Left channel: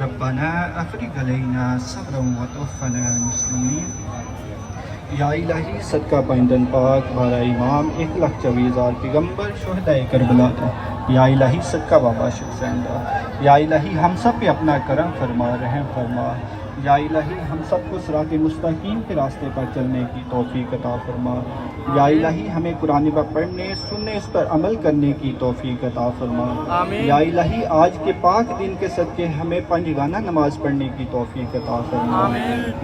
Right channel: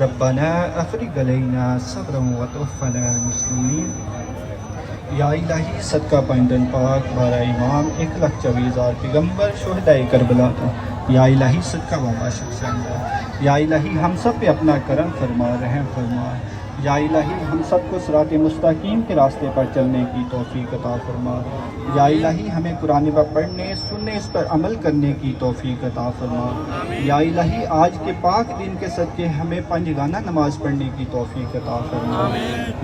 ربنا افرغ علینا صبرا وتوفنا مسلمین. یا الہی صدقہ پنڈن پاک بارہ امام 1,24,000 پیغمبر شہدائے کربلا کی. یا الہی صدقہ بابا شفیع. یا الہی ہم سب پہ اپنا کرم فرما رحم فرما. یا الہی ہم سب کو صراط مستقیم کے راستے پر چلنے کی توفیق عطا فرما. یا الہی ہمیں قرآن پاک پڑھنے سننے اس پر عمل کرنے کی توفیق عطا فرما. یا الہی آج کے پاک دن کے صدقے ہمیں پنجگانہ نماز پڑھنے کی توفیق عطا فرما.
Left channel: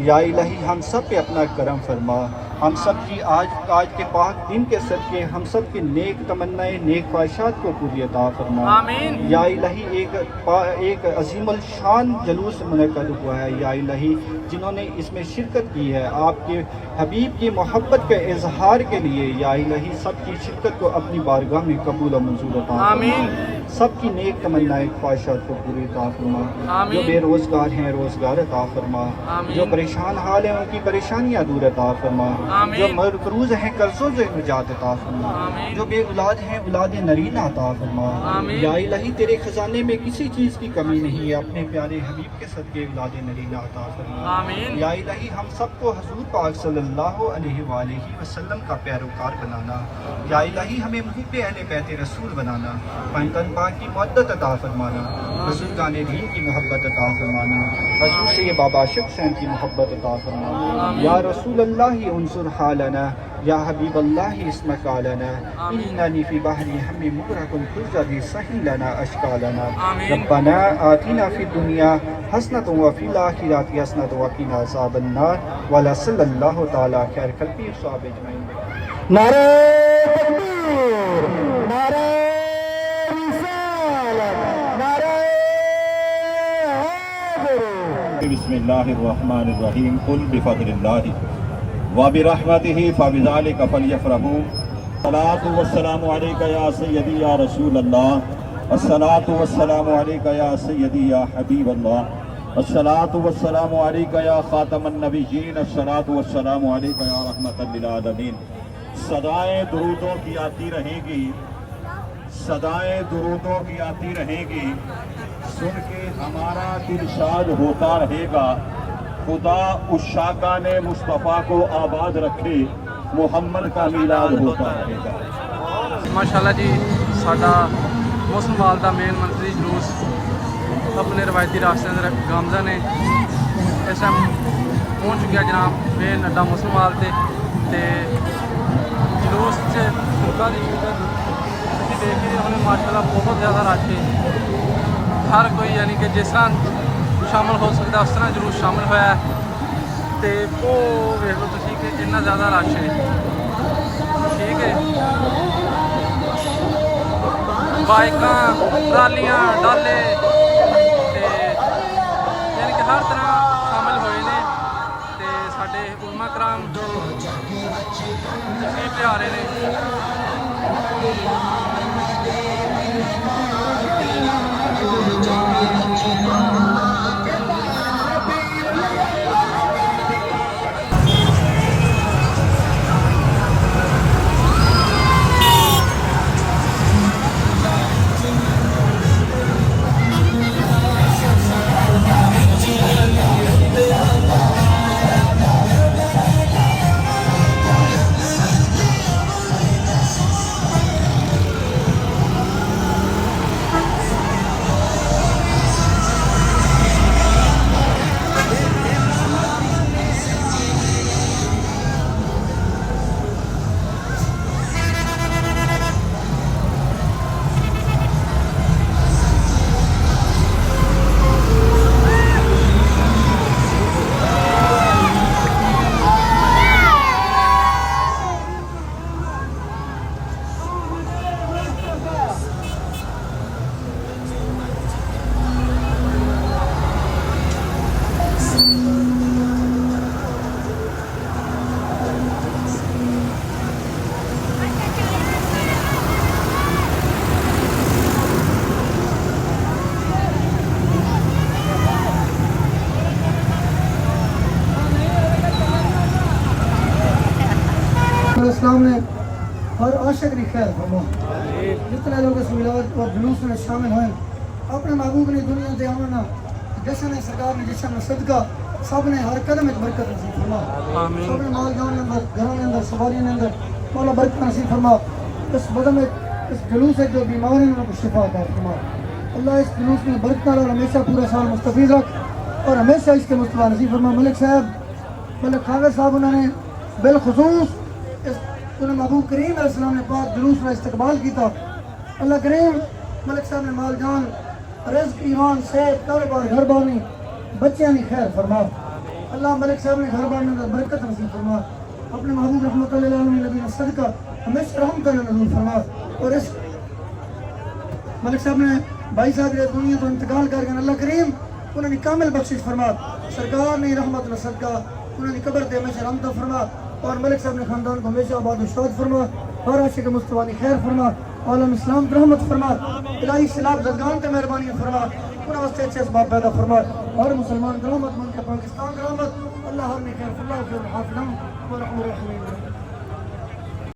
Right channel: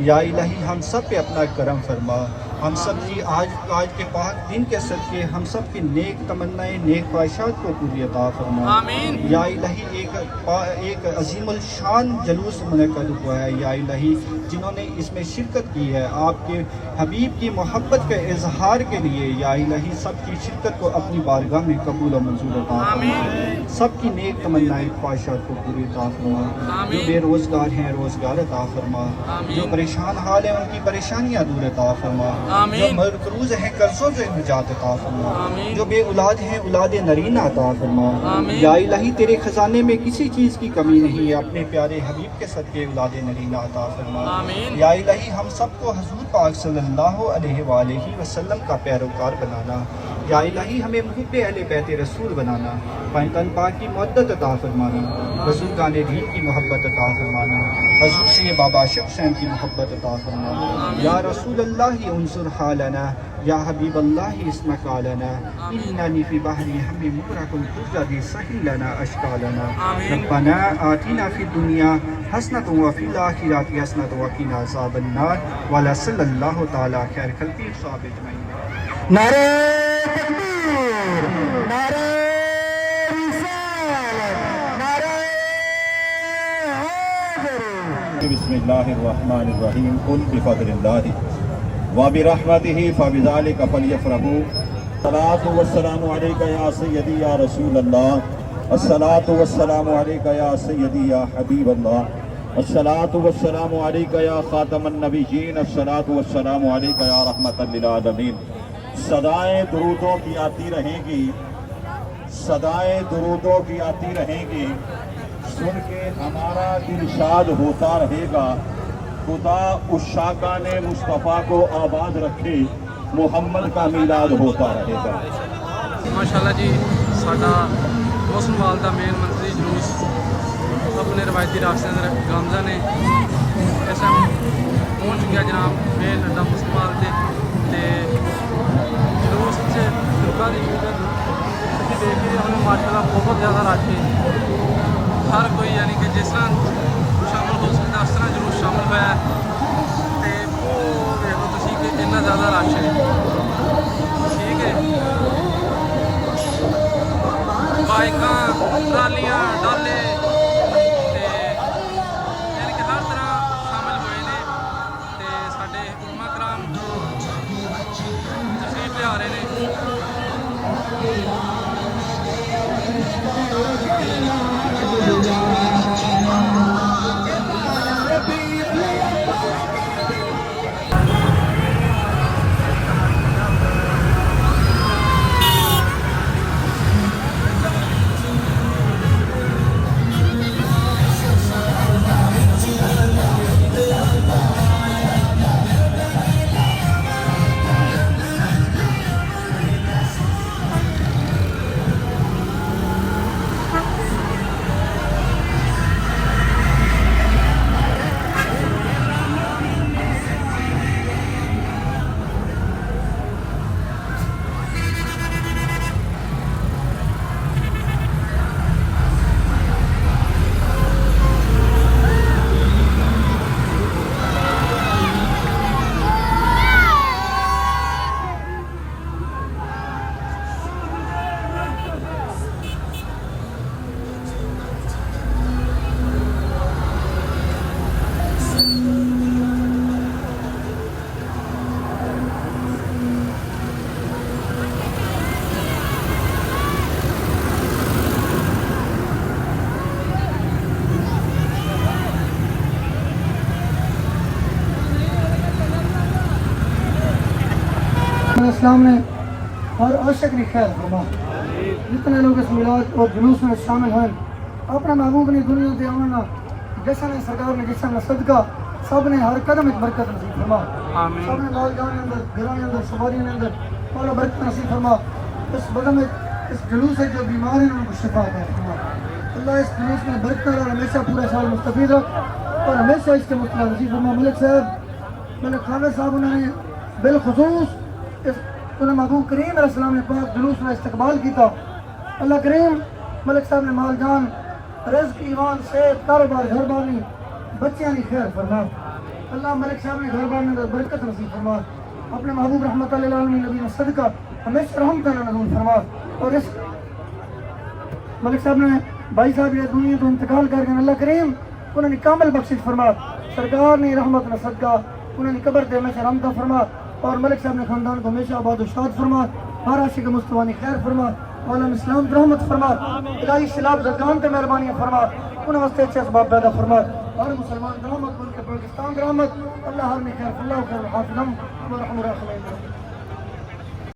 یا الہی ہم سب پہ اپنا کرم فرما. ہم سب کی آج کے پاک دن کے صدقے ہم سب کی نیک تمنائیں نیک خواہشات کو پوری عطا فرما. یا الہی ایک عظیم الشان جلوس منعقد ہوا ہے. یا الہی جنہوں نے اس میں شرکت کی ہے آپ کے حبیب کی محبت کے اظہار کے لیے، یا الہی سب کی شرکت کو اپنی بارگاہ میں قبول و منظور عطا فرما. سب کی نیک تمنائیں خواہشات کو پوری عطا فرما. جو بے روزگار ہیں روزگار عطا فرما. جو پریشان حال ہیں ان کی پریشانیاں دور عطا فرما. جو مقروض ہیں قرضوں سے نجات عطا فرما. جو بے اولاد ہیں اولاد نرینہ عطا فرما. یا الہی تیرے خزانے میں کسی چیز کی کمی نہیں ہے، اپنے پیارے حبیب کے صدقے اولاد نرینہ عطا فرما. یا الہی ہم سب کو حضور پاک صلی اللہ علیہ وآلہ وسلم کا پیروکار بنانا. یا الہی ہمیں محب اہل بیت رسول بنانا. پنجتن پاک کی محبت عطا فرمانا. بزرگان دین کی محبت عطا فرمانا. حضور سے بابا شک حسین کی محبت عطا فرمانا. یا رسول اللہ انصر حالنا. یا حبیب اللہ اسمک عالنا. اننی فی بحری ہم مغرق تجری سہل لنا اشکالنا. ربنا آتنا فی الدنیا حسنۃ وفی الآخرۃ حسنۃ وقنا عذاب النار. ولا صلی اللہ تعالی خیر خلقہ صحابہ اجمعین. نعرہ تکبیر، نعرہ رسالت، نعرہ حیدر. بسم اللہ الرحمن الرحیم. قل بفضل اللہ وبرحمتہ فبذلک فلیفرحوا. الصلاۃ والسلام علیک یا سیدی یا رسول اللہ. الصلاۃ والسلام علیک یا سیدی یا حبیب اللہ. الصلاۃ والسلام علیک یا خاتم النبیین. الصلاۃ والسلام علیک یا رحمۃ للعالمین. صدائیں درودوں کی آتی رہیں گی، صدائیں درودوں کی آتی رہیں گی، سن کے ہمارا ارشاد ہوتا رہے گا. خدا اس شاکان مصطفیٰ کو آباد رکھے، محمد کا میلاد ہوتا رہے گا. ماشاءاللہ جی ساڈا موسم وال دا مین منفرد جلوس اپنے روایتی راستے اندر گامزن نے اس ٹائم پہنچ چکیا جناب مین اڈا موسم وال تے جلوس سے لوگوں کی اسی دیکھ کے ہمیں ماشاءاللہ بہت زیادہ رش ہے. ہر کوئی یعنی کہ جس طرح شامل ہو سکتا اس طرح جلوس شامل ہوا ہے. تے وہ ویکھ لو تسی کہ اتنا زیادہ رش ہے. ٹھیک ہے، بائکاں ٹرالیاں ڈالے تے یعنی کہ ہر طرح شامل ہوئے نے. تے ساڈے علماء کرام تشریف لے آ رہے نے. اسلام نے اور عاشق نے خیر فرما. جتنے لوگ اس میلاد اور جلوس میں شامل ہوئے اپنے محبوب نے دنیا دے آنا جشن ہے سرکار نے جشن کا صدقہ سب نے ہر قدم ایک برکت نصیب فرما آمین سب نے مال جان اندر گھروں کے اندر سواری کے اندر مولا برکت نصیب فرما اس بدن میں اس جلوس سے جو بیمار ہیں ان کو شفا عطا فرما اللہ اس جلوس میں برکت اور ہمیشہ پورا سال مستفید رکھ اور ہمیشہ اس کے مصطفیٰ نصیب فرما ملک صاحب ملک خانہ صاحب انہوں نے بالخصوص انہوں محبوب کریم علیہ السلام نے پاک جلوس میں استقبال کیتا اللہ کریم ملک صاحب نے مال جان رزق ایمان صحت کاروبار گھر بانی بچیاں نے خیر فرما اللہ ملک صاحب نے گھر بان میں برکت نصیب فرما اپنے محبوب رحمۃ اللہ علیہ نبی نے صدقہ ہمیشہ رحمت اللہ نصیب فرما اور اس ملک صاحب نے بھائی صاحب یہ دنیا تو انتقال کر گئے اللہ کریم انہوں نے کامل بخشش فرما سرکار نے رحمت اللہ صدقہ انہوں نے قبر دے ہمیشہ رحمتہ فرما اور ملک صاحب نے خاندان کو ہمیشہ آباد و شاد فرما ہر عاشق مصطفیٰ نے خیر فرما عالم اسلام پر رحمت فرما الہی سلاب زدگان تے مہربانیاں فرما انہیں واسطے اچھے اسباب پیدا فرما ہر مسلمان رحمت ملک پاکستان رحمت اللہ ہر میں خیر فرما خیر حافظم ورحمۃ اللہ